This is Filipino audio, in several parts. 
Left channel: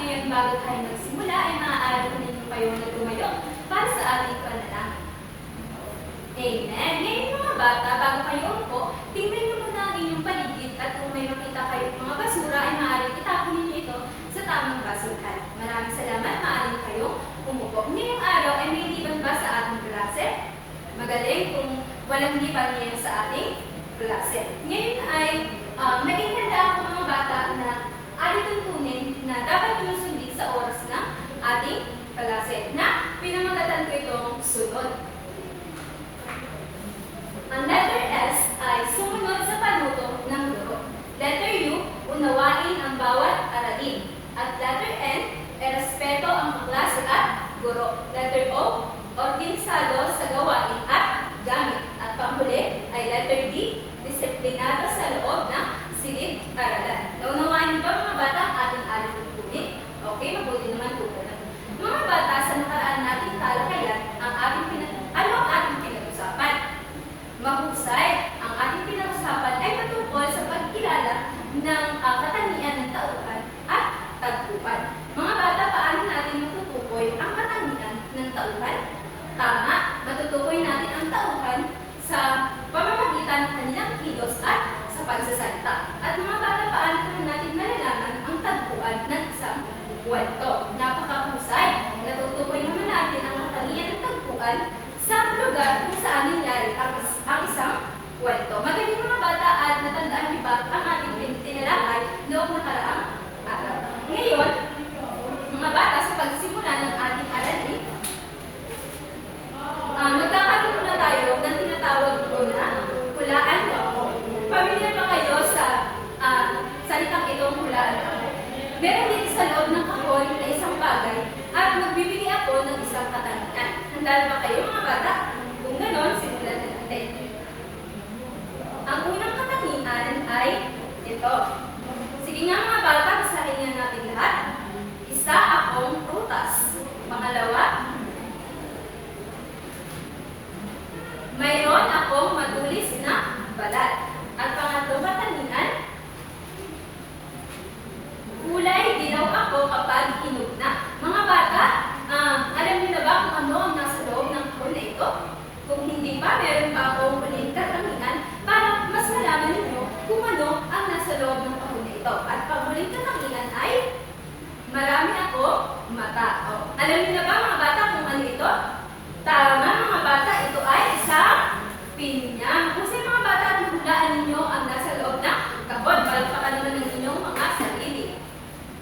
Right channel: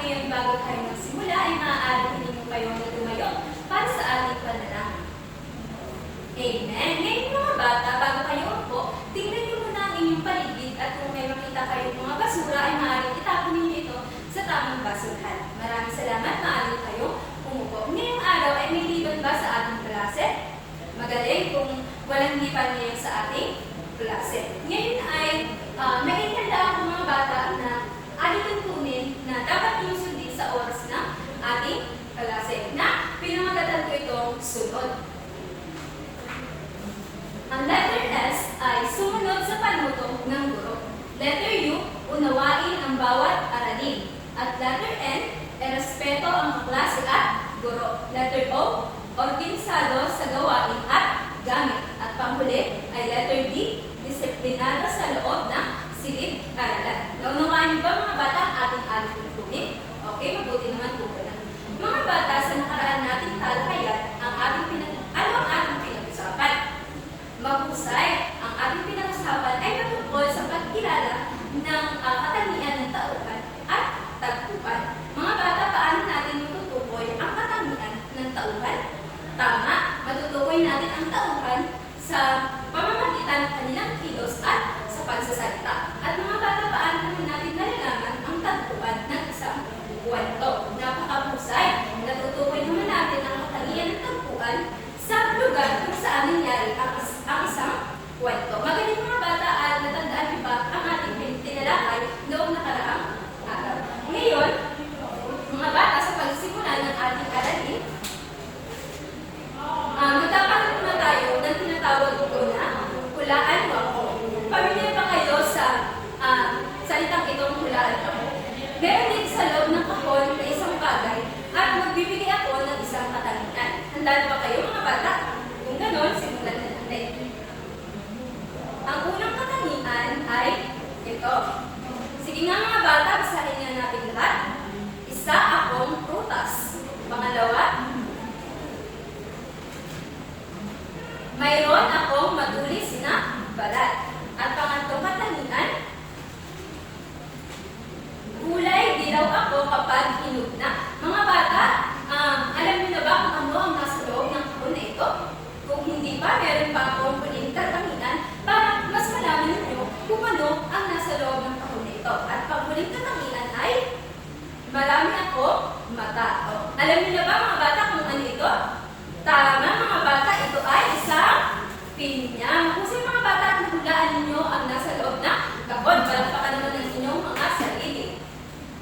ngayon bago tayo magsimula ay maaari ninyo kayo na tumayo para sa ating panalangin. Amen. Ngayon mga bata, bago kayo upo, tingnan niyo muna ang inyong paligid at kung may makita kayong mga basura ay maaaring itapon ninyo ito sa tamang basurahan. Maraming salamat, maaari kayo umupo. Ngayong araw ay may liban ba sa ating klase? Magaling kung walang liban ngayon sa ating klase. Ngayon ay may ihanda ako mga bata na ating tuntunin na dapat nyo sundin sa oras ng ating klase na pinamagatan ko itong sunod. Ang letter S ay sumunod sa panuto ng guro. Letter U, unawain ang bawat aralin. At letter N, erespeto ang kaklase at guro. Letter O, organisado sa gawain at gamit. At panghuli ay letter D, disiplinado sa loob ng silid-aralan. Naunawain niyo ba mga bata ang ating tuntunin? Okay, mabuti naman po ka. Mga bata, sa nakaraan nating talakayan, ano ang ating pinag-usapan? Mahusay, ang ating pinag-usapan ay patungkol sa pagkilala ng katangian ng tauhan at tagpuan. Mga bata, paano natin matutukoy ang katangian ng tauhan? Tama, matutukoy natin ang tauhan sa pamamagitan ng kanilang kilos at sa pagsasalita. At mga bata, paano naman natin malalaman ang tagpuan ng isang kwento? Napakahusay. Natutukoy naman natin ang katangian ng tagpuan sa lugar kung saan nangyari ang isang kwento. Magaling mga bata at natandaan niyo ba ang ating tinalakay noong nakaraang araw. Ngayon, mga bata, sa pagsimula ng ating aralin, magkakaroon muna tayo ng tinatawag ko na hulaan mo ako. Pamilyar ba kayo sa salitang itong hulaan ako? Meron din sa loob ng kahon na isang bagay at magbibigay ako ng isang katangian. Handa ba kayo mga bata? Kung gano'n, simulan na natin. Ang unang katangian ay ito. Sige nga mga bata, basahin nga natin lahat. Isa akong prutas. Pangalawa, mayroon akong matulis na balat. At pangatlong katangian, kulay dilaw ako kapag hinog na. Mga bata, alam niyo na ba kung ano ang nasa loob ng kahon na ito? Kung hindi pa, meron pa akong huling katangian para mas malaman ninyo kung ano ang nasa loob ng kahon na ito. At panghuling katangian ay marami ako mata. Alam niyo na ba mga bata kung ano ito? Tama mga bata, ito ay isang pinya. Mahusay mga bata at nahulaan ninyo ang nasa loob ng kahon. Palagpakan naman ng inyong mga sarili.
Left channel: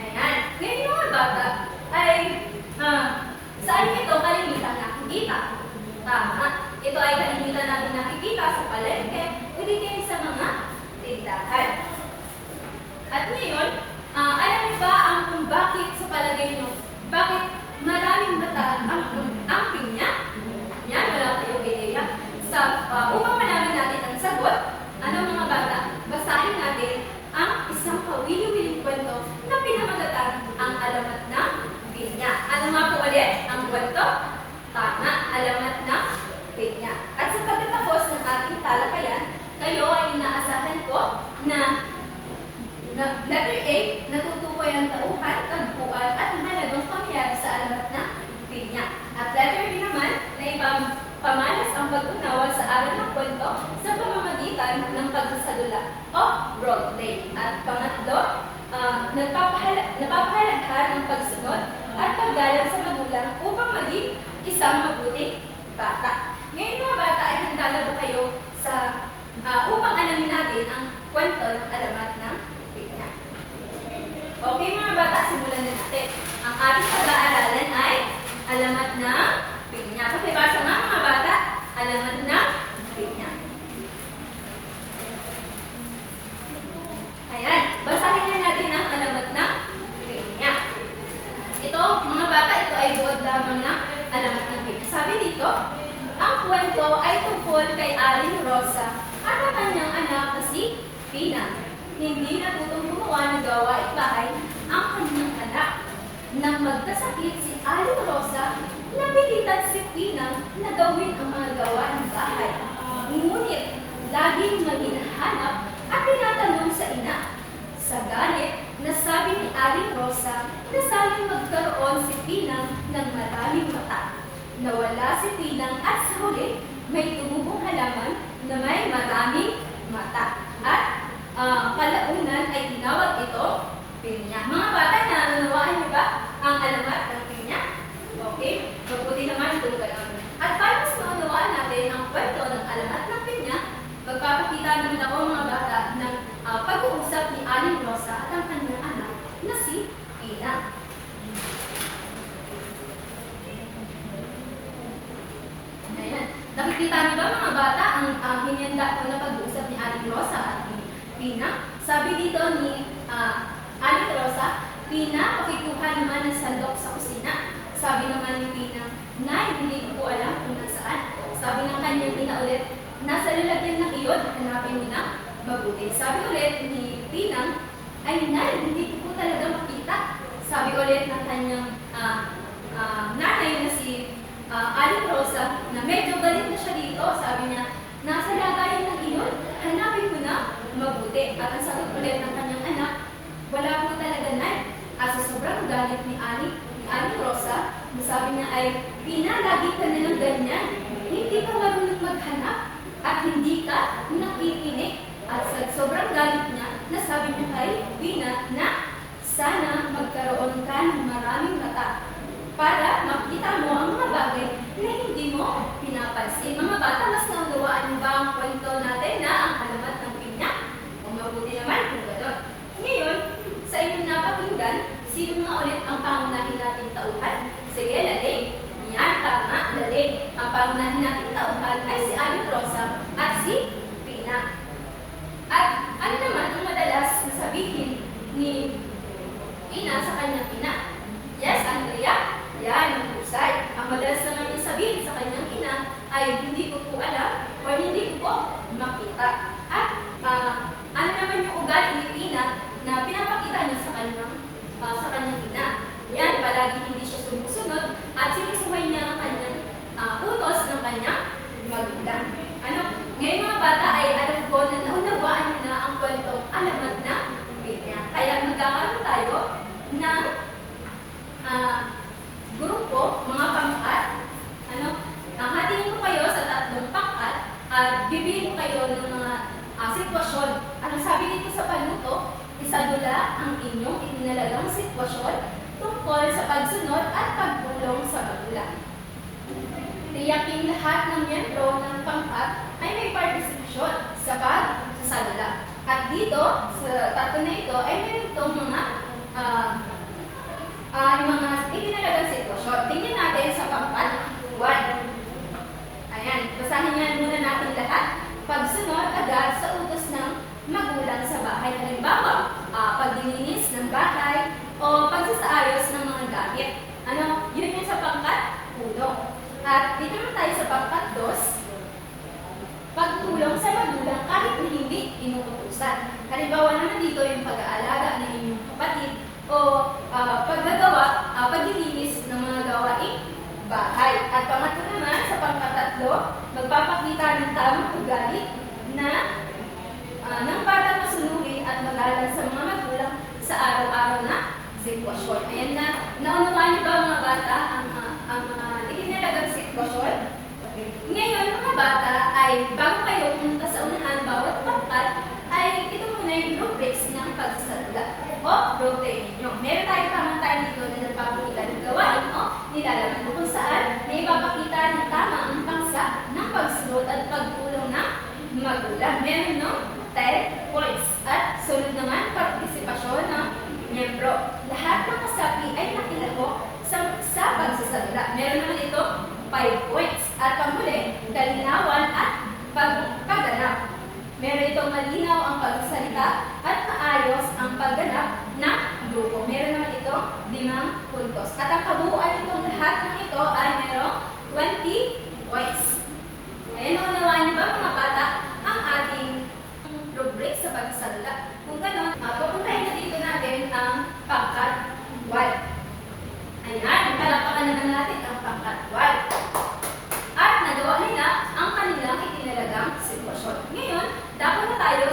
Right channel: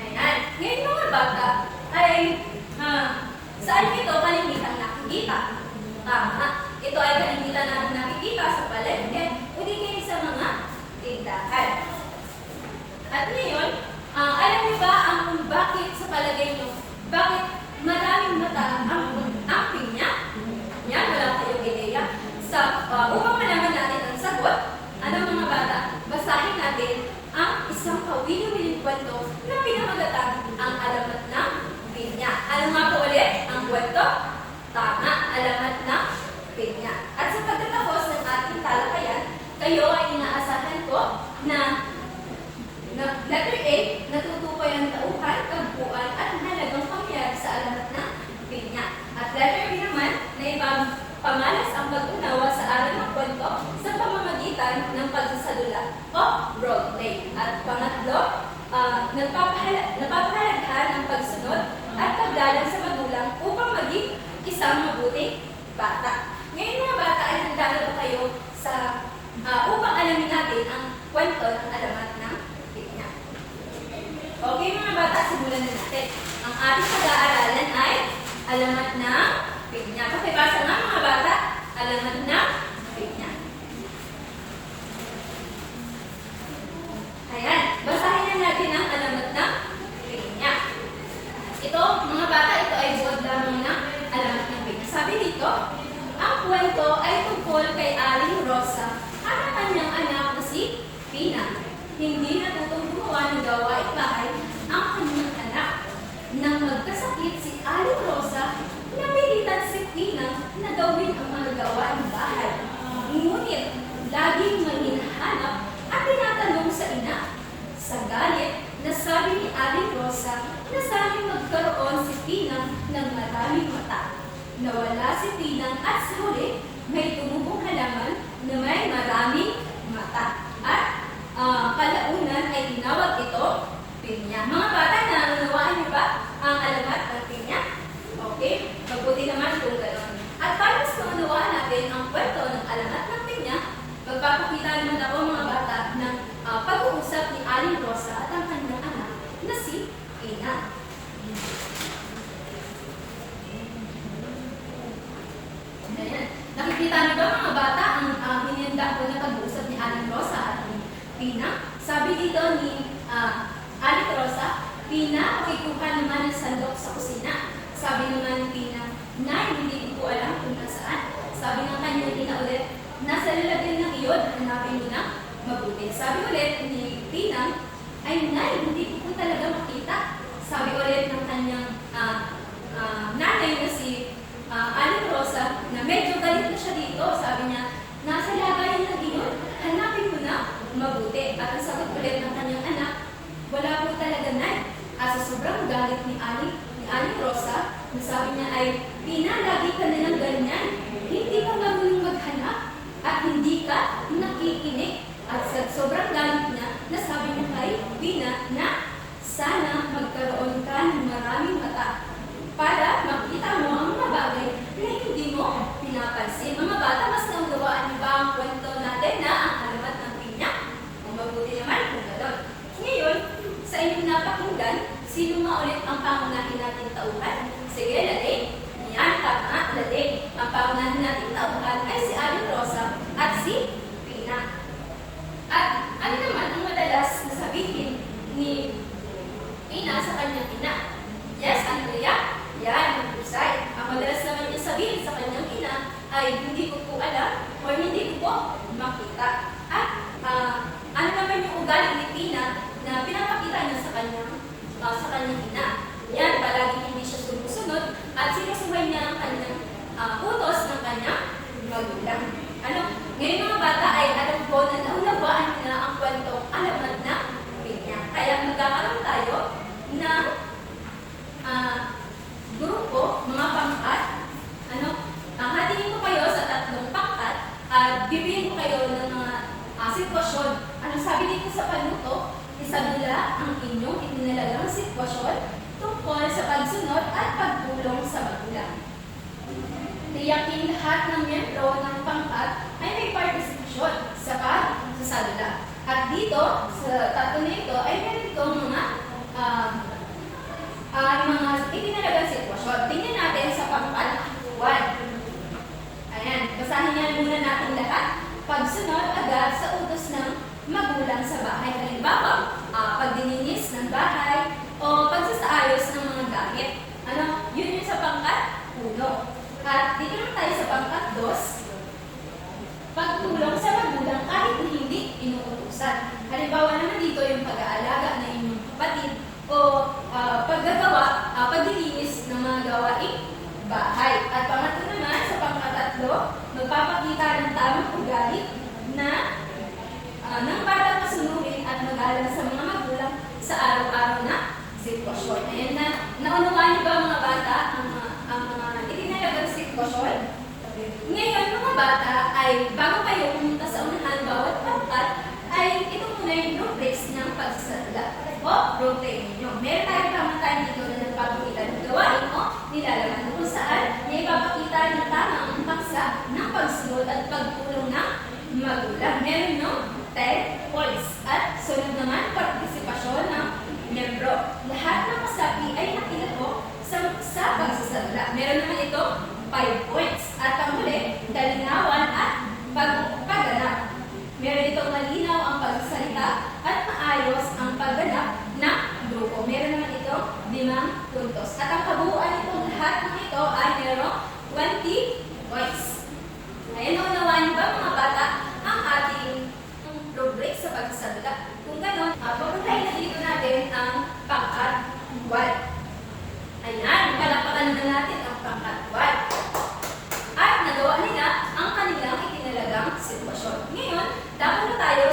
Ayan. Ngayon mga bata ay saan ito kalimitan nakikita? Tama. Ito ay kalimitan natin nakikita sa palengke o di kayo sa mga tindahan. At ngayon, alam niyo ba kung bakit sa palagay niyo, bakit maraming mata ang pinya? Yan, wala kayong ideya. Upang malaman natin ang sagot, ano mga bata, basahin natin ang isang kawili-wiling kwento na pinamagatan ang alamat ng pinya. Ano nga po ulit ang kwento? Tama, alamat ng pinya. At sa pagtatapos ng ating talakayan, kayo ay inaasahan ko na letter A, natutukoy ang tauhan, tagpuan, at mahalagang pangyayari sa alamat ng pinya. At letter B naman, na ipapamalas ang pag-unawa sa aral ng kwento sa pamamagitan ng pagsasalula o roleplay. At pangatlo, napapahalaghan ng pagsunod at paggalang sa magulang upang maging isang mabuting bata. Ngayon mga bata, ay handa na ba kayo sa upang alamin natin ang kwento ng alamat ng pinya? Okay mga bata, simulan na natin. Ang ating pag-aaralan ay alamat ng pinya. Pakibasa nga mga bata, alamat ng pinya. Ayan, basahin na natin ang alamat ng pinya. Ito, mga bata, ito ay buod lamang ng alamat ng pinya. Sabi dito, ang kwento ay tungkol kay Aling Rosa at ang kanyang anak na si Pina. Hindi natutong gumawa ng gawaing bahay ang kanyang anak. Nang magkasakit si Aling Rosa, napilitan si Pina na gawin ang mga gawaing bahay. Ngunit, laging may hinahanap at tinatanong sa ina. Sa galit, nasabi ni Aling Rosa na sana ng maraming mata. Nawala si Pinang at sa huli, may tumubong halaman na may maraming mata. At kalaunan ay tinawag ito pinya. Mga bata, nanunawaan niyo ba ang alamat ng pinya? Okay? Mabuti naman kung gano'n. At para mas maunawaan natin ang kwento ng alamat ng pinya, magpapakita naman ako mga bata ng pag-uusap ni Aling Rosa at ang kanyang anak na si Pina. Ayan. Nakikita niyo ba mga bata ang hinihanda ko na pag-uusap ni Aling Rosa at ni Pina? Sabi dito ni Aling Rosa, Pina, pakikuha naman ng sandok sa kusina. Sabi naman ni Pina, Nay, hindi ko po alam kung nasaan. Sabi ng kanyang ina ulit, nasa lalagyan ng iyon, hanapin mo na mabuti. Sabi ulit ni Pina, ay Nay, hindi ko po talaga makita. Sabi ulit ng kanyang nanay na si Aling Rosa, na medyo galit na siya dito. Sabi niya, nasa lagayan ng iyon, hanapin mo na mabuti. At ang sagot ulit ng kanyang anak, wala po talaga, Nay. At sa sobrang galit ni Aling Rosa, na sabi niya ay, Pina, lagi ka na lang ganyan. Hindi ka marunong maghanap at hindi ka nakikinig. At sa sobrang galit niya, nasabi niya kay Pina na sana magkaroon ka ng maraming mata para makita mo ang mga bagay na hindi mo pinapansin. Mga bata, mas naunawaan niyo ba ang kwento natin na ang alamat ng pinya? Kung mabuti naman kung gano'n. Ngayon, sa inyong napakinggan, sino nga ulit ang pangunahin natin tauhan? Sige, Laling. Yan, tama, Laling. Ang pangunahin natin tauhan ay si Aling Rosa at si Pina. At ano naman ang madalas na sabihin ni Pina sa kanyang ina? Yes, Andrea? Yan, ang husay. Ang madalas naman niya sabihin sa kanyang ina ay hindi ko po alam o hindi ko po makita. At ano naman yung ugali ni Pina na pinapakita niya sa kanyang ina? Yan, palagi hindi siya sumusunod at sinusuhay niya ang kanyang utos ng kanyang magulang. Ngayon mga bata ay alam ko na naunawaan niyo na ang kwentong alamat na pinya. Kaya magkakaroon tayo ng grupo, mga pangkat. Hatiin ko kayo sa 3 pangkat at bibigyan ko kayo ng mga sitwasyon. Sabi dito sa panuto, isadula ang inyong itinalagang sitwasyon tungkol sa pagsunod at pagtulong sa magulang. Tiyaking lahat ng miyembro ng pangkat ay may partisipasyon sa pagsasadula. At dito, sa 3 na ito, ay meron itong mga itinalagang sitwasyon. Tingnan natin sa pangkat 1. Ayan, basahin niya muna natin lahat. Pagsunod agad sa utos ng magulang sa bahay. Halimbawa, pagdilinis ng bahay o pagsasaayos ng mga gamit. Yun yung sa pangkat 1. At dito naman tayo sa pangkat 2, pagtulong sa magulang kahit hindi inuutusan. Halimbawa naman dito yung pag-aalaga ng inyong kapatid o paglilinis ng mga gawaing bahay. At pangatlo naman, sa pangkat 3, magpapakita ng tamang ugali na ng batang masunurin at mag-alala sa mga magulang sa araw-araw na sitwasyon. Ayan na, naunawaan niyo ba mga bata ang mga itinalagang sitwasyon? Ngayon mga bata ay bago kayo pumunta sa unahan bawat pangkat ay ito muna yung rubrics ng pagsasadula o program ninyo. Meron tayo dito na nagpapakita ng gawain o nilalaman kung saan na ipapakita ng tama ang paksa ng pagsunod at pagtulong ng magulang. Meron 10 points at sunod naman partisipasyon ng miyembro. Lahat ng kasapi ay nakilako sa pagsasadula. Meron naman ito 5 points at panghuli, kalinawan at pagganap. Meron itong malinaw ang pagsalita at maayos ang pagganap ng grupo. Meron naman ito 5 puntos. At ang kabuuan itong lahat ng ito ay merong 20 points. Ayan, naunawaan niyo ba mga bata ang ating rubric sa pagsasadula? Kung gano'n, pupuntahin na dito natin ang pangkat 1. Ayan, palakpakan na natin ang pangkat 1. At nagawa nila ang kanilang itinalagang sitwasyon. Ngayon, dapat na tayo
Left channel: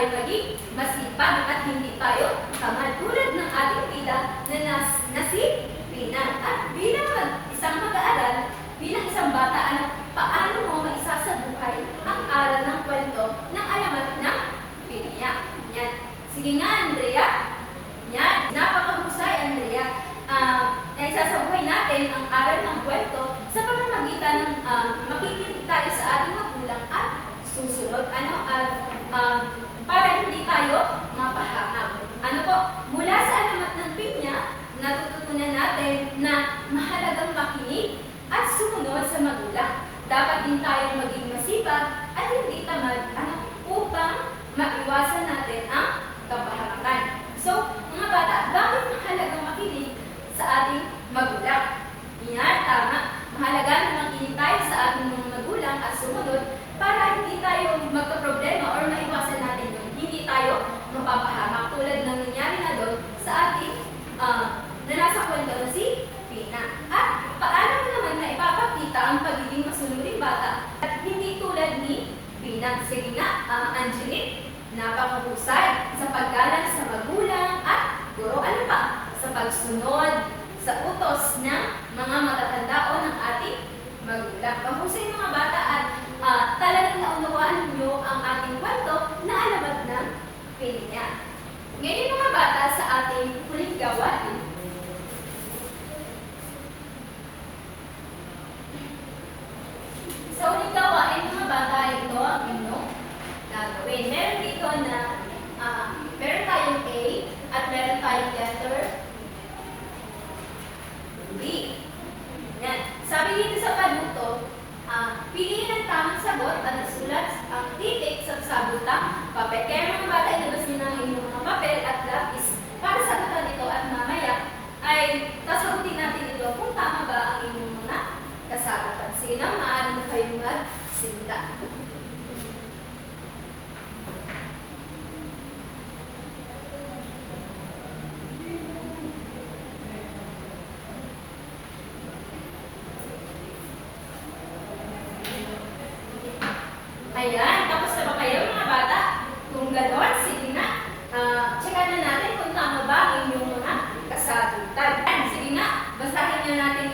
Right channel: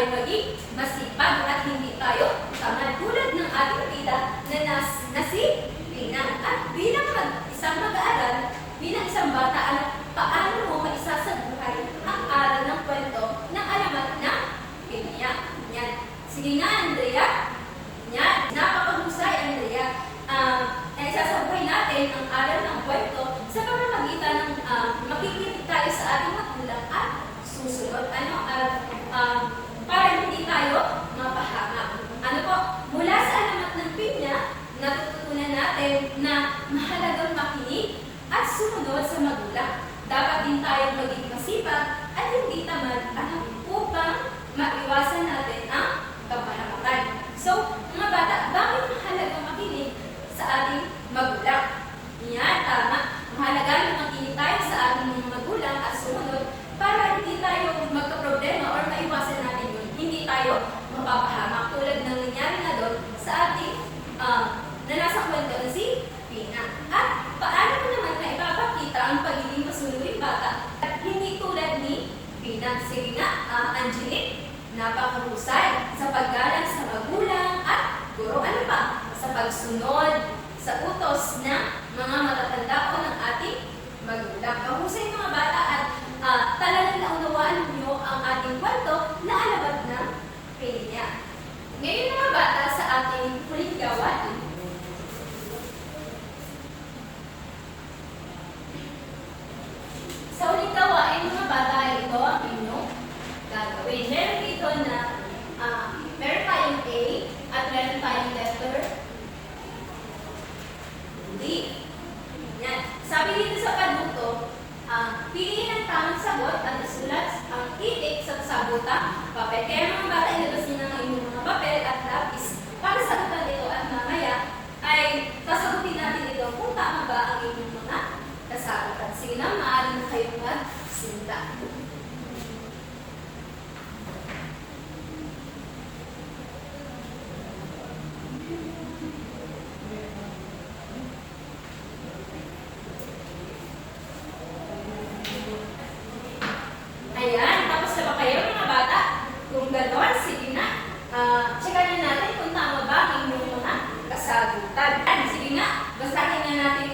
tayo maging masipag at hindi tayo tamad tulad ng ating tita na si Pina. At bilang isang mag-aaral, bilang isang bata, paano mo maisasabuhay ang aral ng kwento ng alamat ng Pinya? Yan. Sige nga, Andrea. Yan. Napakahusay, Andrea. Isasabuhay natin ang aral ng kwento sa pamamagitan ng makikinig tayo sa ating magulang at susunod. Para hindi tayo mapahamak. Ano po? Mula sa alamat ng Pinya, natututunan natin na mahalagang makinig at sumunod sa magulang. Dapat din tayong maging masipag at hindi tamad upang maiwasan natin ang kapahamakan. So, mga bata, bakit mahalagang makinig sa ating magulang? Yan, tama. Mahalaga na makinig tayo sa ating mga magulang at sumunod para hindi tayo magka-problema or maiwasan natin yun. Hindi tayo mapapahamak tulad ng nangyari na doon sa ating na nasa kwento na si Pina. At paano mo naman na ipapakita ang pagiging masunuring bata at hindi tulad ni Pina? Sige nga, Angelique, napakahusay sa paggalang sa magulang at guro. Ano pa? Sa pagsunod sa utos ng mga matatanda o ng ating magulang. Mahusay mga bata at talagang naunawaan niyo ang ating kwento na alamat ng Pinya. Ngayon mga bata sa ating huling gawain. Sa huling gawain mga bata, ito ang inyong gagawin. Meron dito na meron tayong A at meron tayong letter D. Yan. Sabi dito sa panuto, piliin ang tamang sagot at isulat ang titik sa sabutang papel. Kaya mga bata, ilabas niyo ng inyong mga papel at lapis para sagutan ito at mamaya ay kasagutin natin ito kung tama ba ang inyong mga kasagutan. Sige na, maaari na kayong magsimula. Ayan, tapos na ba kayo mga bata? Kung gano'n, sige na. Checkan na natin kung tama ba ang inyong mga kasagutan. Sige nga, basahin na natin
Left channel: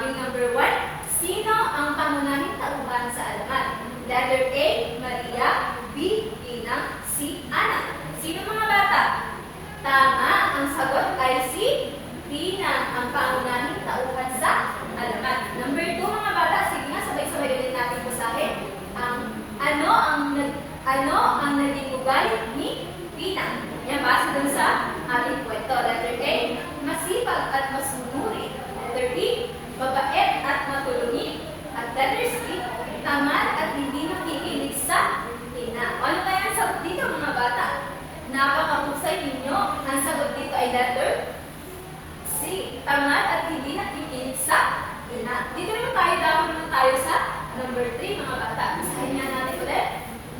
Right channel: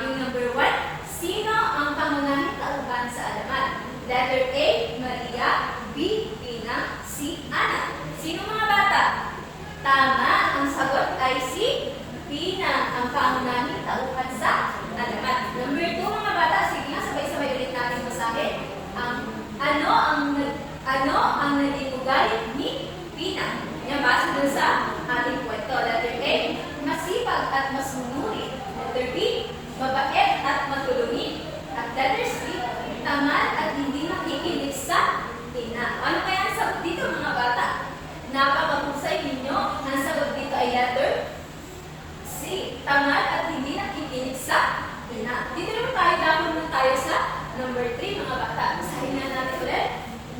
yung number 1. Sino ang pangunahing tauhan sa alamat? Letter A, Maria. B, Pina. C, Ana. Sino mga bata? Tama, ang sagot ay si Pina, ang pangunahing tauhan sa alamat. Number 2 mga bata, sige nga, sabay-sabay ulit natin basahin. Ano ang naging ugali ni Pina? Yan, base dun sa ating kwento. Letter A, masipag at masunuri. Letter B, mabait at matulungin. At letter C, tamad at hindi nakikinig sa ina. Ano kaya ang sagot dito mga bata? Napakahusay ninyo. Ang sagot dito ay letter C, tamad at hindi nakikinig sa ina. Dito naman tayo sa number 3 mga bata. Basahin na natin ulit.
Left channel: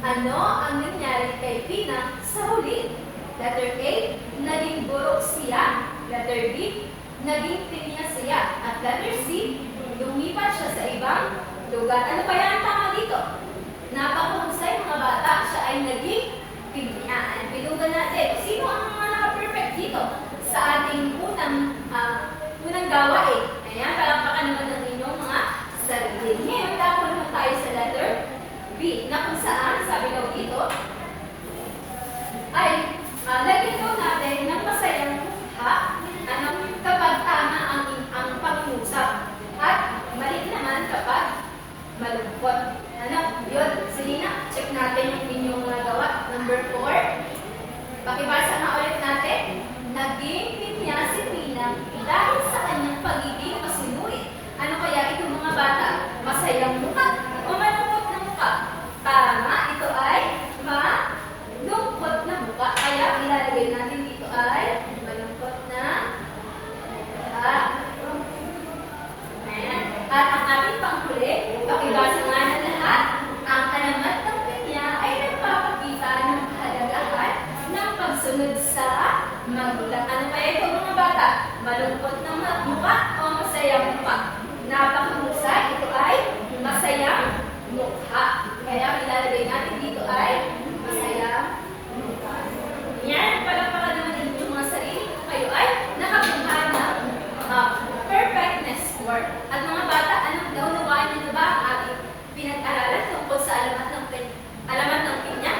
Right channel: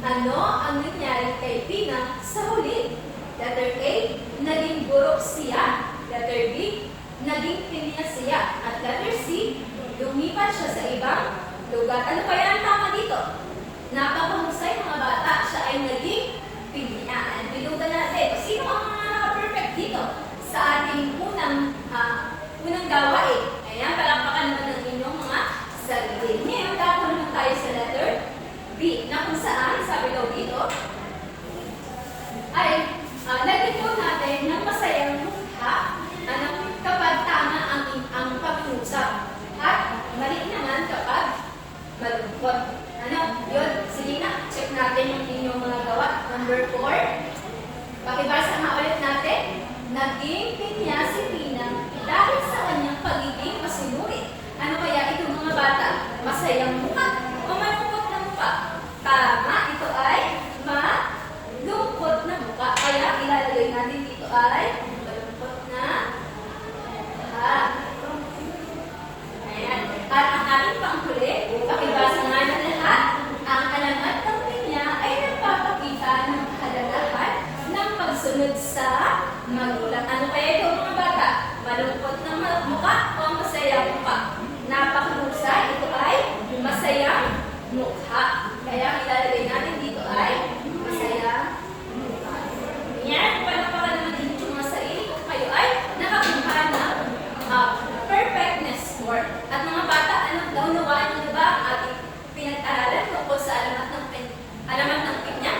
Ano ang nangyari kay Pina sa huli? Letter A, naging burok siya. Letter B, naging pinya siya. At letter C, lumipat siya sa ibang lugar. Ano kaya ang tama dito? Napakahusay mga bata. Siya ay naging pinya. Pinugan natin. Sino ang mga naka-perfect dito sa ating unang gawain? Ayan, palakpakan naman ng inyong mga sarili. Ngayon, tapo naman tayo sa letter B, na kung saan, sabi daw dito, ay lagyan ko natin ng masayang mukha kapag tama ang pag-usap at mali naman kapag malungkot. Yun, sige na, check natin yung inyong mga gawa. Number 4, pakibasa nga ulit natin. Naging pinya si Pina dahil sa kanyang pagiging masunurin. Ano kaya ito mga bata? Masayang mukha o malungkot na mukha? Tama, ito ay malungkot na mukha. Kaya ilalagay natin dito ay malungkot na mukha. Ayan. At ang ating panghuli, pakibasa nga na lahat. Ang alamat ng pinya ay nagpapakita ng kahalagahan ng pagsunod sa magulang. Ano kaya ito mga bata? Malungkot na mukha o masayang mukha? Napakahusay, ito ay masayang mukha. Kaya ilalagay natin dito ay masayang Ayan, palakpakan naman din yung mga sarili kung kayo ay nakakuha ng perfectness score. At mga bata, naunawaan niyo na ba ang ating pinag-aralan tungkol sa alamat ng pinya?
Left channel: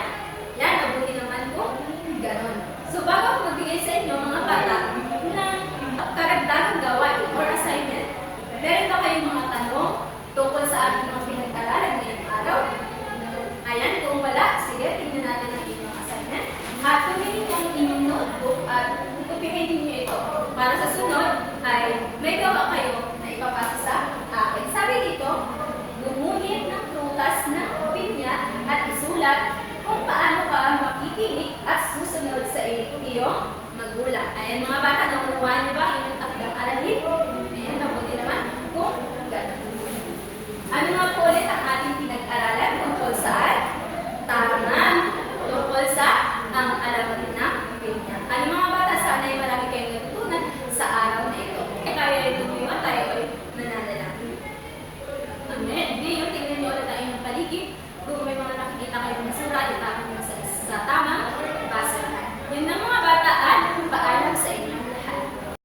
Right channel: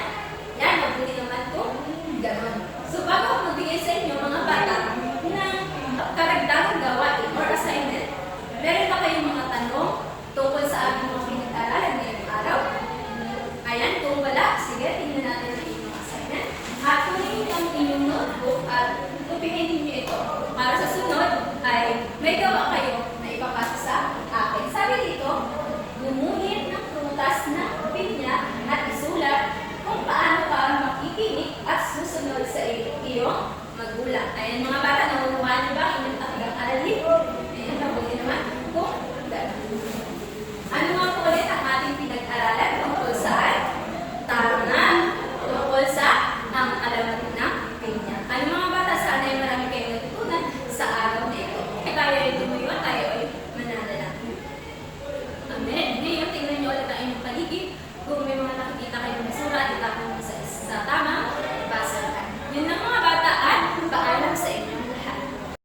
Yan, mabuti naman po. Ganon. So, bago ako magbigay sa inyo, mga bata, ng karagdagang gawain or assignment, meron ba kayong mga tanong tungkol sa ating mga pinag-aralan ngayong araw? Ayan, kung wala, sige, tingnan natin ang inyong assignment. At kunin ang inyong notebook at kupihin ninyo ito. Para sa sunod ay may gawa kayo na ipapasa sa akin. Sabi dito, gumuhit ng prutas ng pinya at isulat kung paano ka makikinig at susunod sa iyong magulang. Ayan mga bata, nakukuha niyo ba ang inyong takdang aralin? Ayan, mabuti naman kung gano'n. Ano nga po ulit ang ating pinag-aralan tungkol saan? Tama, tungkol sa ang alamat ng pinya. Ano mga bata, sana ay marami kayong natutunan sa araw na ito. Kaya rin tumuyon, tayo ay mananalangin. Amen. Ngayon, tingnan niyo ulit ang inyong paligid. Kung may mga nakikita kayong basura, itapon mo